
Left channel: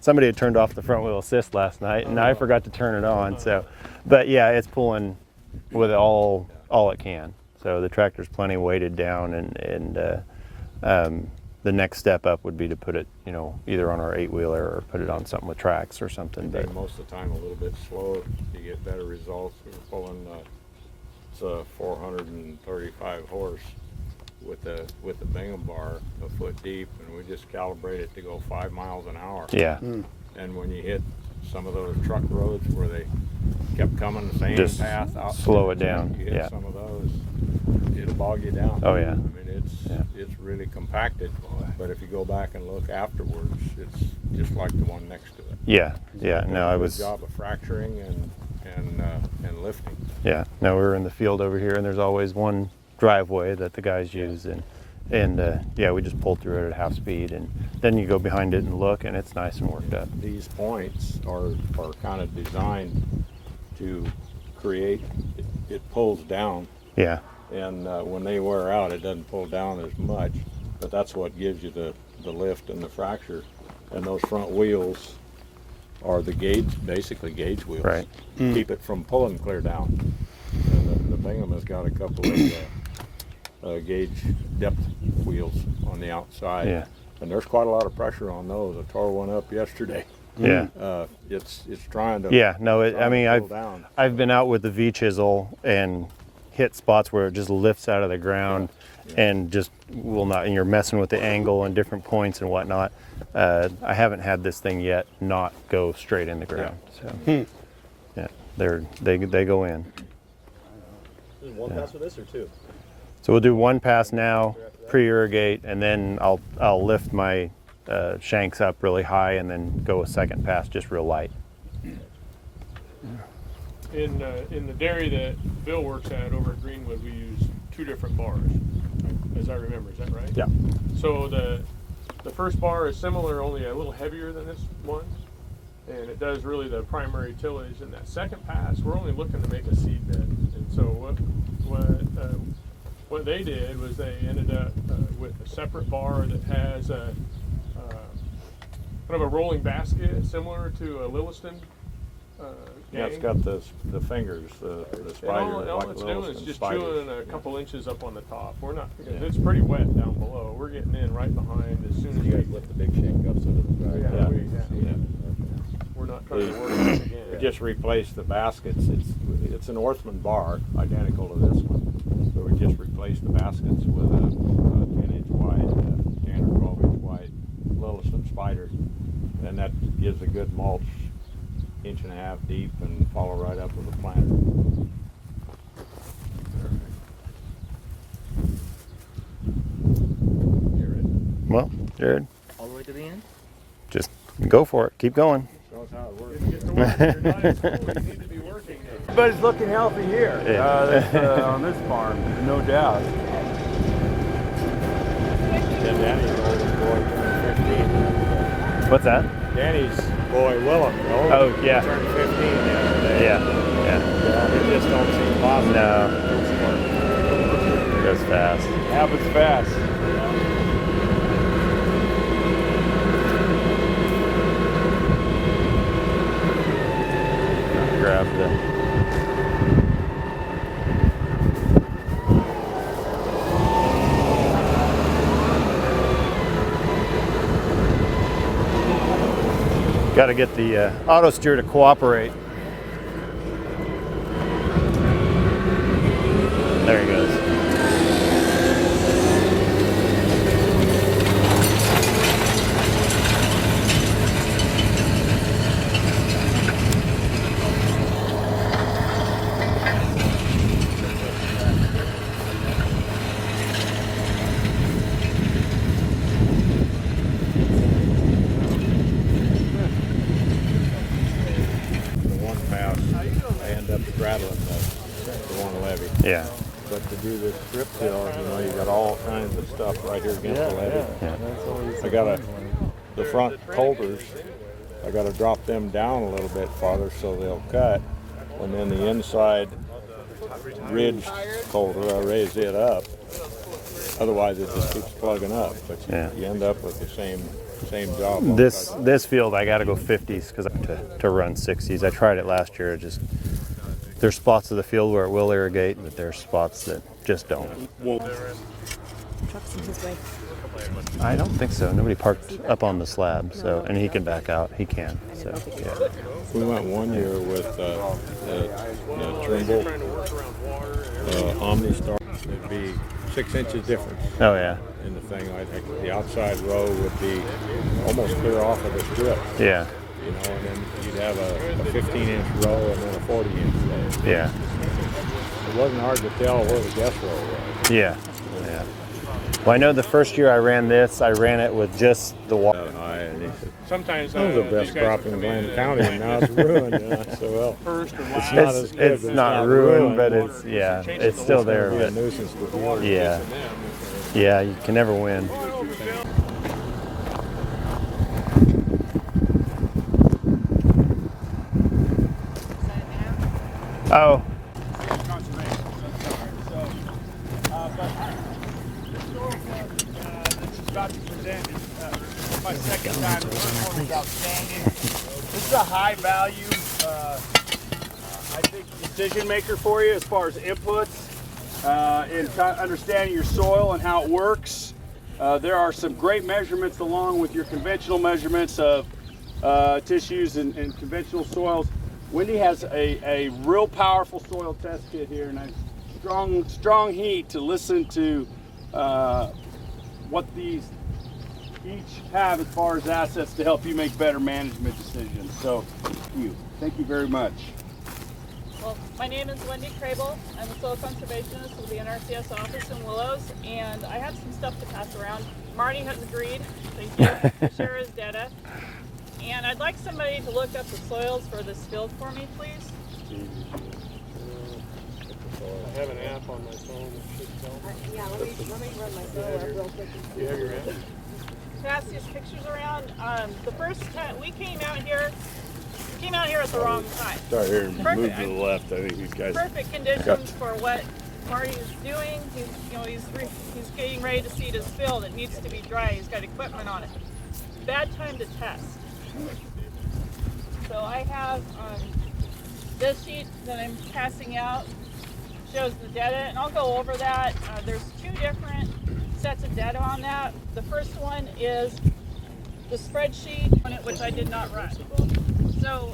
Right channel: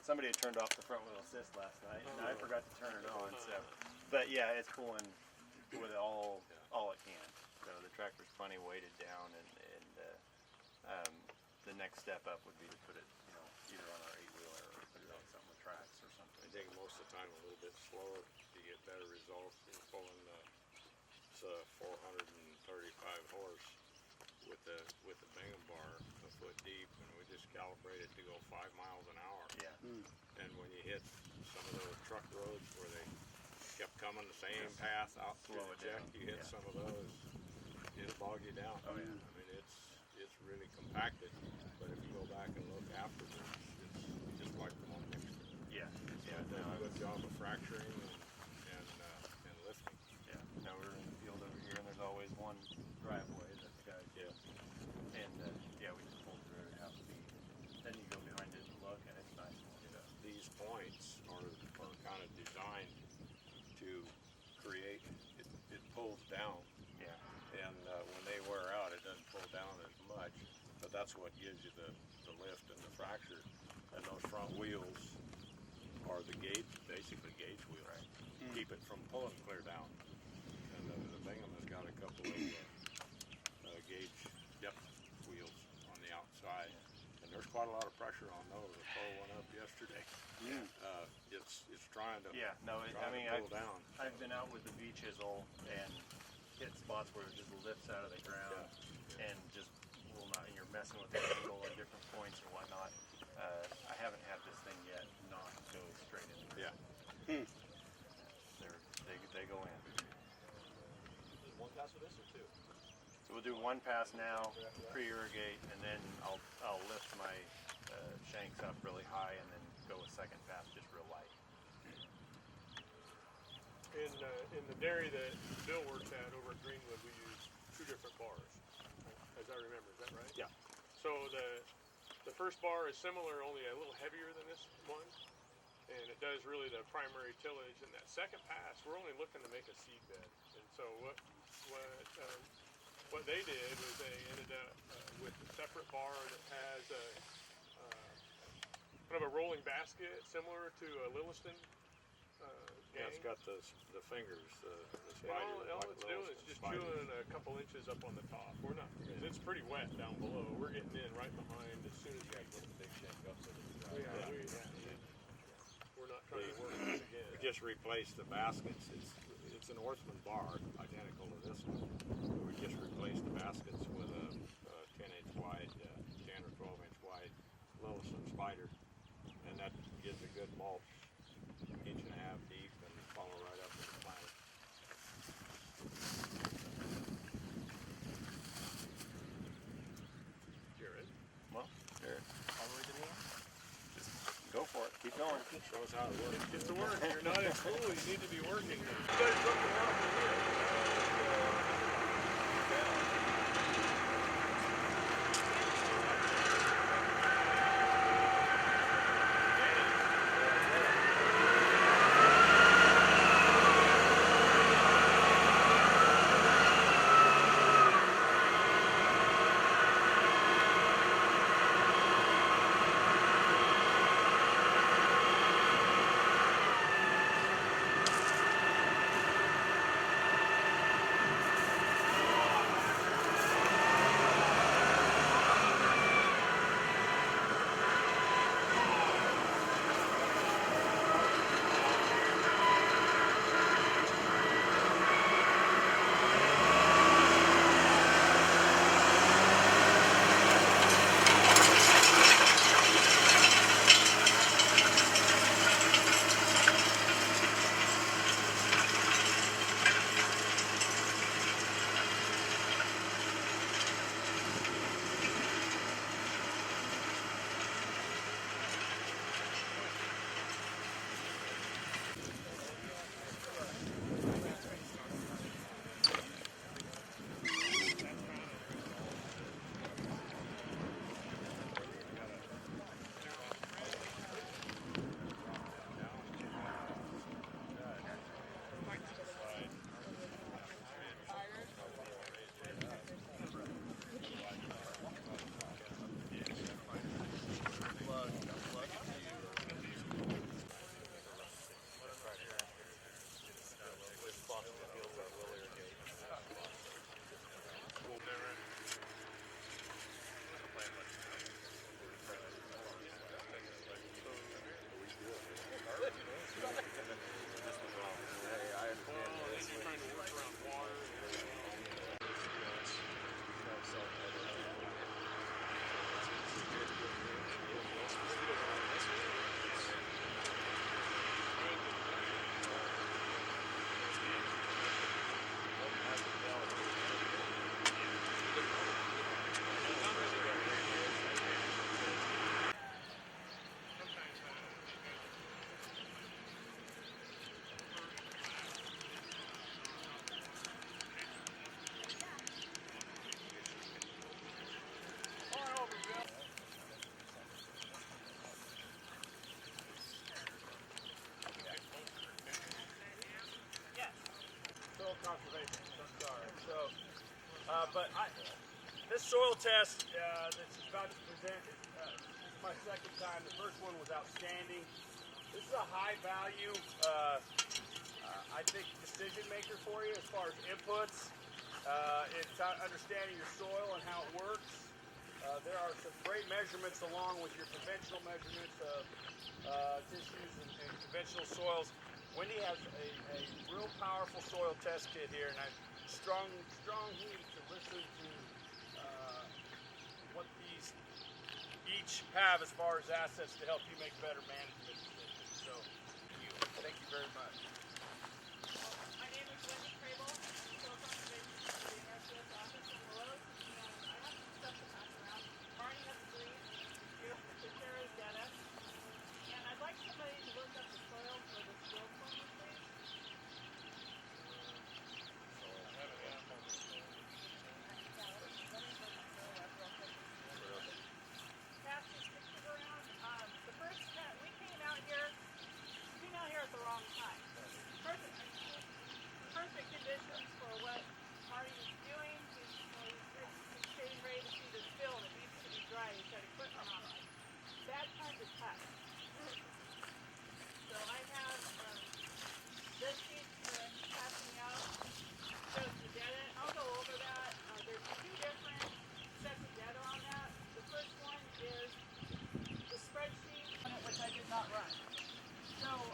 somebody had turned off the front wheel assist last night and I forgot to turn it on. So, but yeah, it's pulling with all it can. So the tractor's plenty weighted down, and the next step up would be to put it, either on our 8-wheeler or put it on something with tracks or something. But Most of the time a little bit slow, you get better results. We were pulling it's a 435 horse with the Bingham bar a foot deep, and we just calibrate it to go 5 miles an hour. yeah, And when you hit some of those truck roads where they kept coming the same Just path out, slow it down. you hit Yeah. some of those, it'll bog you down. Oh, yeah. I mean, it's really compacted, but if you go back and look afterwards, it's just like the one next to it. yeah. No, I Good was. job of fracturing and lifting. Yeah, no, we were in the field over here, and there's always one driveway that the guys use, and yeah, we just pulled through it at half speed, and then you go behind it and look, and it's nice and worked up. These points are kind of designed to create, it pulls down, Yeah, and when they wear out, it doesn't pull down as much, but that's what gives you the lift and the fracture. And those front wheels are the basically gauge wheels. Right. Keep it from pulling clear down. And the Bingham has got a couple of gauge depth wheels on the outside. Yeah. And there's quite a lot of pressure on those. I tore one up yesterday. yeah, It's trying to. yeah. No, I trying mean, to pull down. I've been out with the V chisel and hit spots where it just lifts out of the ground, and just will not. And you're messing with the angle and different points and whatnot. I haven't had this thing yet not go straight in the ground. So yeah, they go in. One pass for this or two? So we'll do one pass now, pre-irrigate, and then I'll lift my shanks up really high, and then go a second pass just real light. In the dairy that Bill works at over at Gruenwald, we use 2 different bars, as I remember. Is that right? Yeah. So the first bar is similar, only a little heavier than this one, and it does really the primary tillage. And that second pass, we're only looking to make a seed bed. And so what they did was they ended up with a separate bar that has a kind of a rolling basket similar to a Lilliston Yeah, it's gang. got the fingers, the And spiders, all like it's little doing is just spiders. chewing a couple inches up on the top. We're not, because it's pretty wet down below. We're getting in right behind as soon as You guys we, lift the big shank up so it doesn't dry. yeah, we're not trying to work this again. We just replaced the baskets. It's an Orthman bar, identical to this one. So we just replaced the baskets with a 10-inch wide, 10 or 12-inch wide, little some spiders, and that gives a good mulch, 1.5 inches deep, and follow right up with the plant. Well, Jared, All the way to the end? just go for it. Keep going. Show us how it works. If the water, you're not in school, you need to be working there. Everybody's looking healthy here on this farm, no doubt. Then Danny's older boy turned 15. What's that? Danny's boy Willem, Oh, yeah. turned 15. Yeah. He just don't see lots. No. It goes fast. Happens fast. Grab the. Got to get the auto steer to cooperate. There he goes. The one pass, I end up straddling the one levee. Yeah. But to do this strip till, you got all kinds of stuff right here against the levee. Yeah. I got the front holders, I got to drop them down a little bit farther so they'll cut. And then the inside ridge holder, I raise it up. Otherwise, it just keeps plugging up. But you end up with the same job. This field, I got to go 50s because to run 60s. I tried it last year. There's spots of the field where it will irrigate, but there's spots that just don't. Trucks in his way. I don't think so. Nobody parked up on the slab, so and he can back out. He can. So yeah. We went one year with the Trimble OmniStar. It'd be 6 inches difference Oh yeah. in the thing. I think the outside row would be almost clear off of the strip. Yeah. And then you'd have a 15-inch row and then a 40-inch row. Yeah. It wasn't hard to tell where the guest row was. Yeah. Yeah. Well, I know the first year I ran this, I ran it with just the water. High, and he said, Sometimes that was the best crop in Glen County, and now it's ruined. I said, well, first or last. not as good, It's but not ruined, but it's it's still there. it'll be a But nuisance to deal yeah, yeah, you can never win. Oh. This soil test that you've got to present is my second time. The first one was outstanding. This is a high value, I think, decision maker for you as far as inputs in understanding your soil and how it works. There are some great measurements along with your conventional measurements of tissues and conventional soils. Wendy has a real powerful soil test kit here, and strong heat to listen to what these each have as far as assets to help you make better management decisions. So, thank you very much. Well, my name is Wendy Crable. I'm a soil conservationist with the NRCS office in Willows, and I have some stuff to pass around. Marty has agreed, thank you, to share his data. And I'd like somebody to look up the soils for this field for me, please. I have an app on my phone that should tell me. Yeah, let me run my soil up real quick. You have your app? Pass these pictures around. The first time we came out here at the wrong time. Start here and Perfect. move to the left. I think these guys. Perfect conditions for what Marty is doing. He's getting ready to seed his field. It needs to be dry. He's got equipment on it. Bad time to test. So I have this sheet that I'm passing out shows the data, and I'll go over that. There's two different sets of data on that. The first one is the spreadsheet on it, which I did not run. So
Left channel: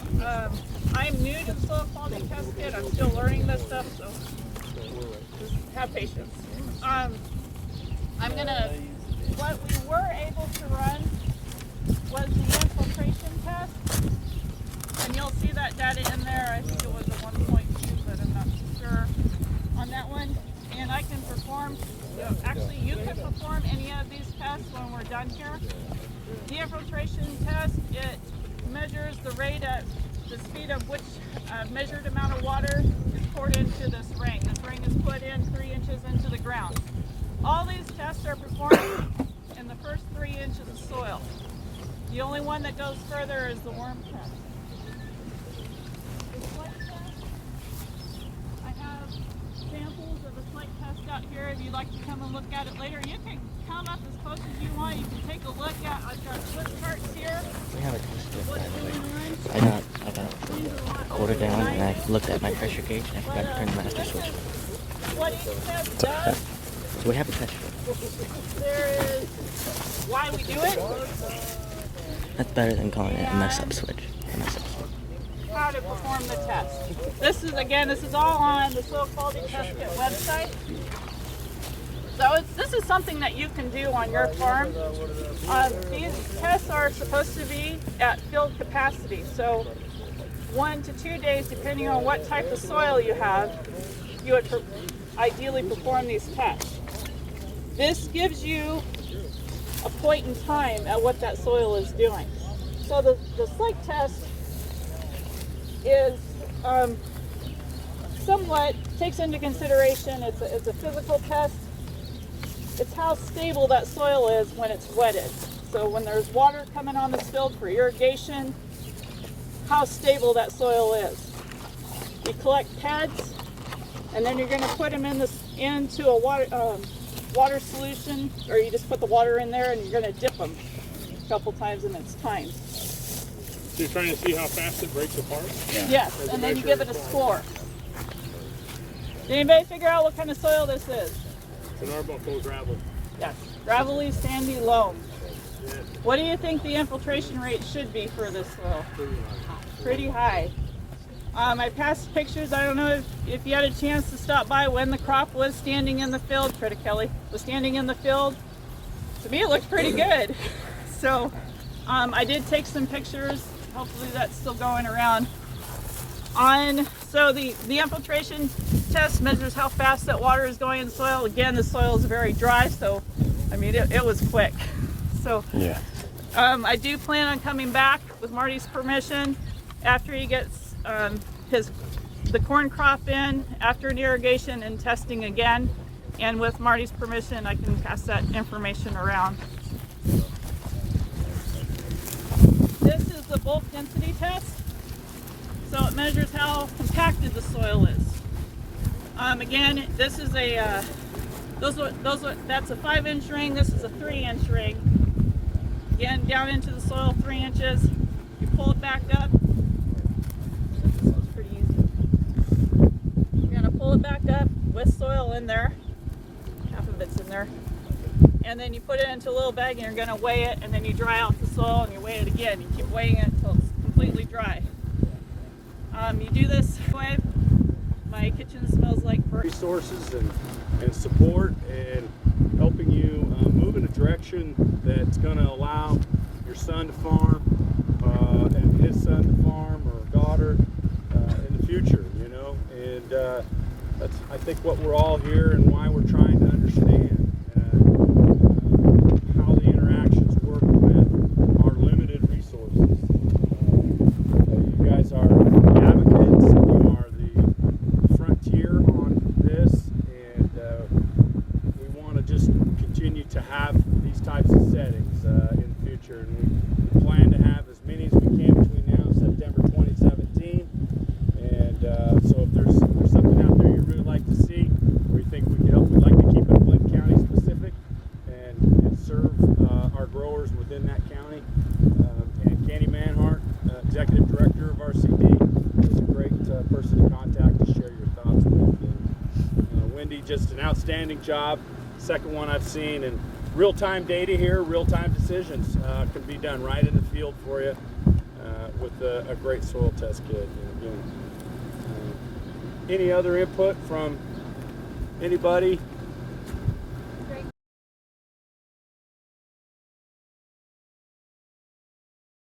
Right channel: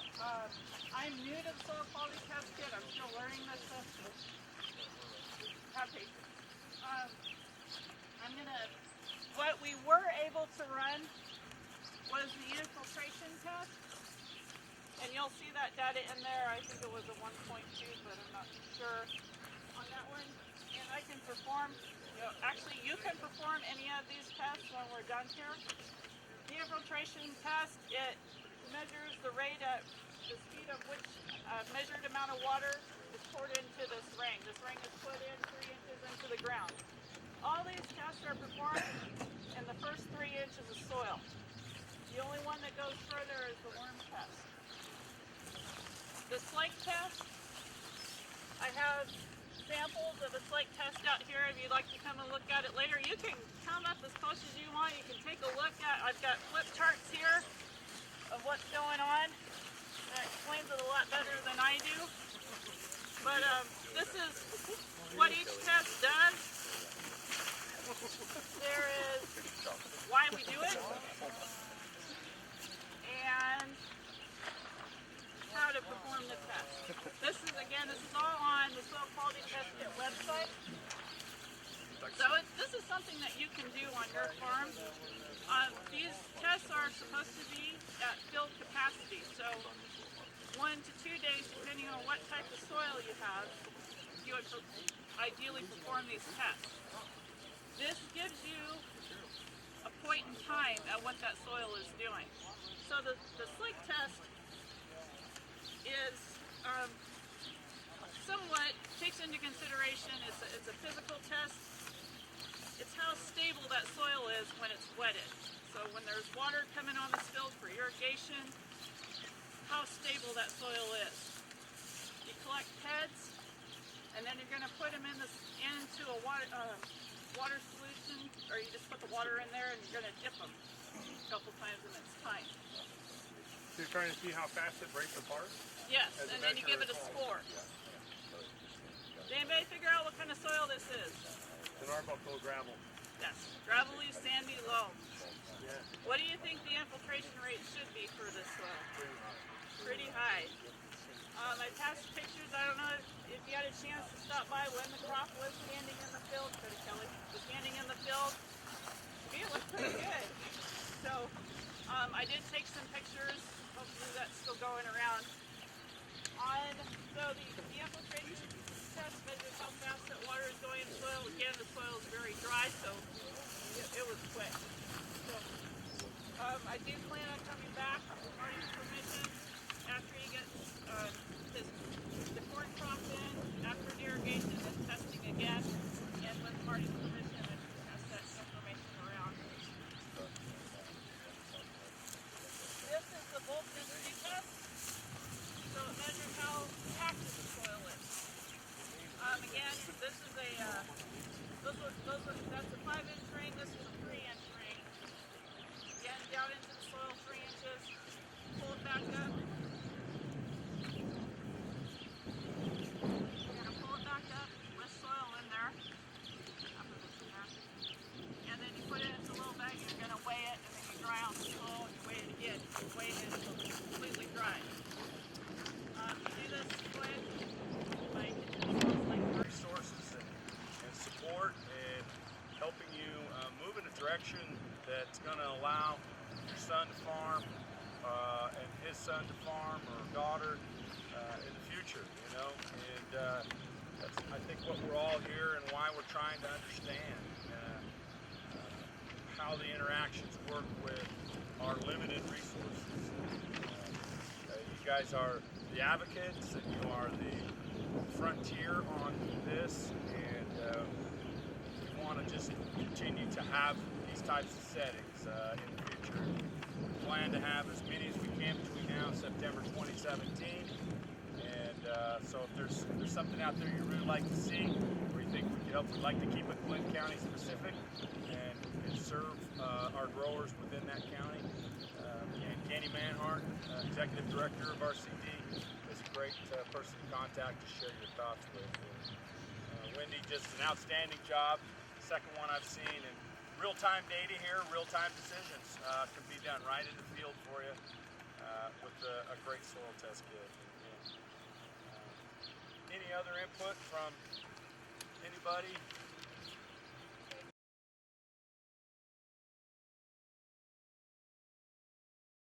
I'm new to the soil quality test kit. I'm still learning this stuff, so just have patience. What we were able to run was the infiltration test, and you'll see that data in there. I think it was a 1.2, but I'm not sure on that one. And I can perform, actually you can perform any of these tests when we're done here. The infiltration test, it measures the rate at the speed of which measured amount of water is poured into this ring. This ring is put in 3 inches into the ground. All these tests are performed in the first 3 inches of soil. The only one that goes further is the worm test. The slate test, I have samples of the slate test out here. If you'd like to come and look at it later, you can come up as close as you want. You can take a look at, I've got flip charts here of what's going on. I got quarter down and I looked at my pressure gauge and I forgot to turn the master switch. What each test does, So we have a touch it. there is why we do it, That's better than calling it a mess up switch. A mess up switch. how to perform the test. This is all on the Soil Quality Test Kit website. So this is something that you can do on your farm. These tests are supposed to be at field capacity. So 1 to 2 days, depending on what type of soil you have, you would ideally perform these tests. This gives you a point in time at what that soil is doing. So the slate test is somewhat takes into consideration, it's a physical test. It's how stable that soil is when it's wetted. So when there's water coming on this field for irrigation, how stable that soil is. We collect pads, and then you're going to put them into a water solution, or you just put the water in there and you're going to dip them a couple times in its time. So you're trying to see how fast it breaks apart? Yes, and then you give it a score. Did anybody figure out what kind of soil this is? It's an arbor full of gravel. Yes, gravelly, sandy loam. What do you think the infiltration rate should be for this soil? Pretty high. I passed pictures. I don't know if you had a chance to stop by when the crop was standing in the field. Critter Kelly was standing in the field. To me, it looked pretty good. So I did take some pictures. Hopefully that's still going around. So the infiltration test measures how fast that water is going in the soil. Again, the soil is very dry, so I mean it was quick. So Yeah. I do plan on coming back with Marty's permission after he gets the corn crop in after an irrigation and testing again. And with Marty's permission, I can pass that information around. This is the bulk density test. So it measures how compacted the soil is. Again, this is that's a 5-inch ring. This is a 3-inch ring. Again, down into the soil 3 inches. You pull it back up. It's pretty easy. You're gonna pull it back up with soil in there. Half of it's in there. And then you put it into a little bag and you're gonna weigh it, and then you dry out the soil and you weigh it again. You keep weighing it until it's completely dry. You do this way. My kitchen smells like resources and support and helping you move in a direction that's going to allow your son to farm and his son to farm, or daughter in the future, you know. And that's, I think, what we're all here and why we're trying to understand how the interactions work with our limited resources. You guys are the advocates, you are the frontier on this, and we want to just continue to have these types of settings in the future. We plan to have as many as we can between now and September 2017. And so if there's something out there you'd really like to see, or you think we can help, we'd like to keep it Flint County specific and serve our growers within that county. And Kenny Manhart, Executive Director of RCD, is a great person outstanding job. Second one I've seen, and real-time data here, real-time decisions can be done right in the field for you with a great soil test kit. And again, any other input from anybody?